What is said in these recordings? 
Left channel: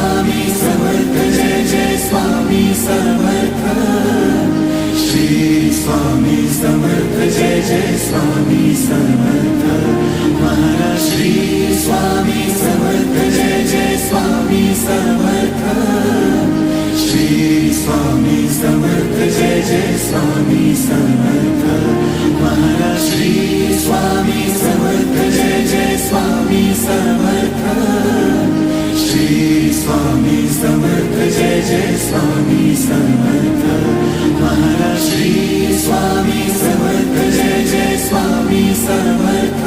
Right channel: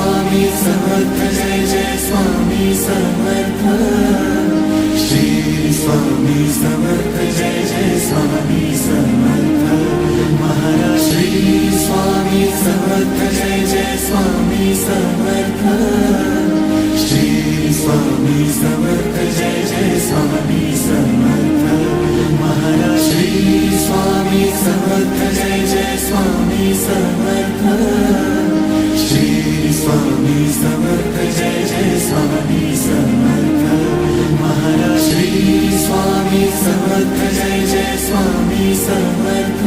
Swami Samarth Jai Jai Swami Samarth Shri Swami Samarth Jai Jai Swami Samarth Maharaj Shri Swami Samarth Jai Jai Swami Samarth Shri Swami Samarth Jai Jai Swami Samarth Maharaj Shri Swami Samarth Jai Jai Swami Samarth Shri Swami Samarth Jai Jai Swami Samarth Maharaj Shri Swami Samarth Jai Jai Swami Samarth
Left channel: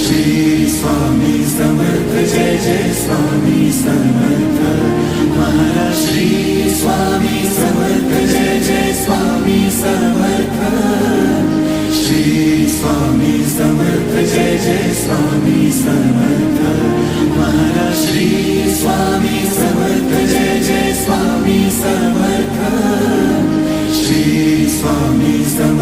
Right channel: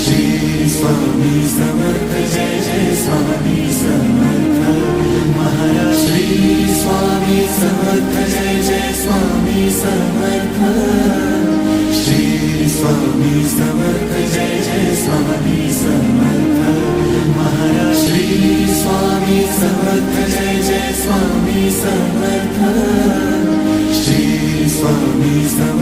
Shri Swami Samarth Jai Jai Swami Samarth Maharaj Shri Swami Samarth Jai Jai Swami Samarth Shri Swami Samarth Jai Jai Swami Samarth Maharaj Shri Swami Samarth Jai Jai Swami Samarth Shri Swami Samarth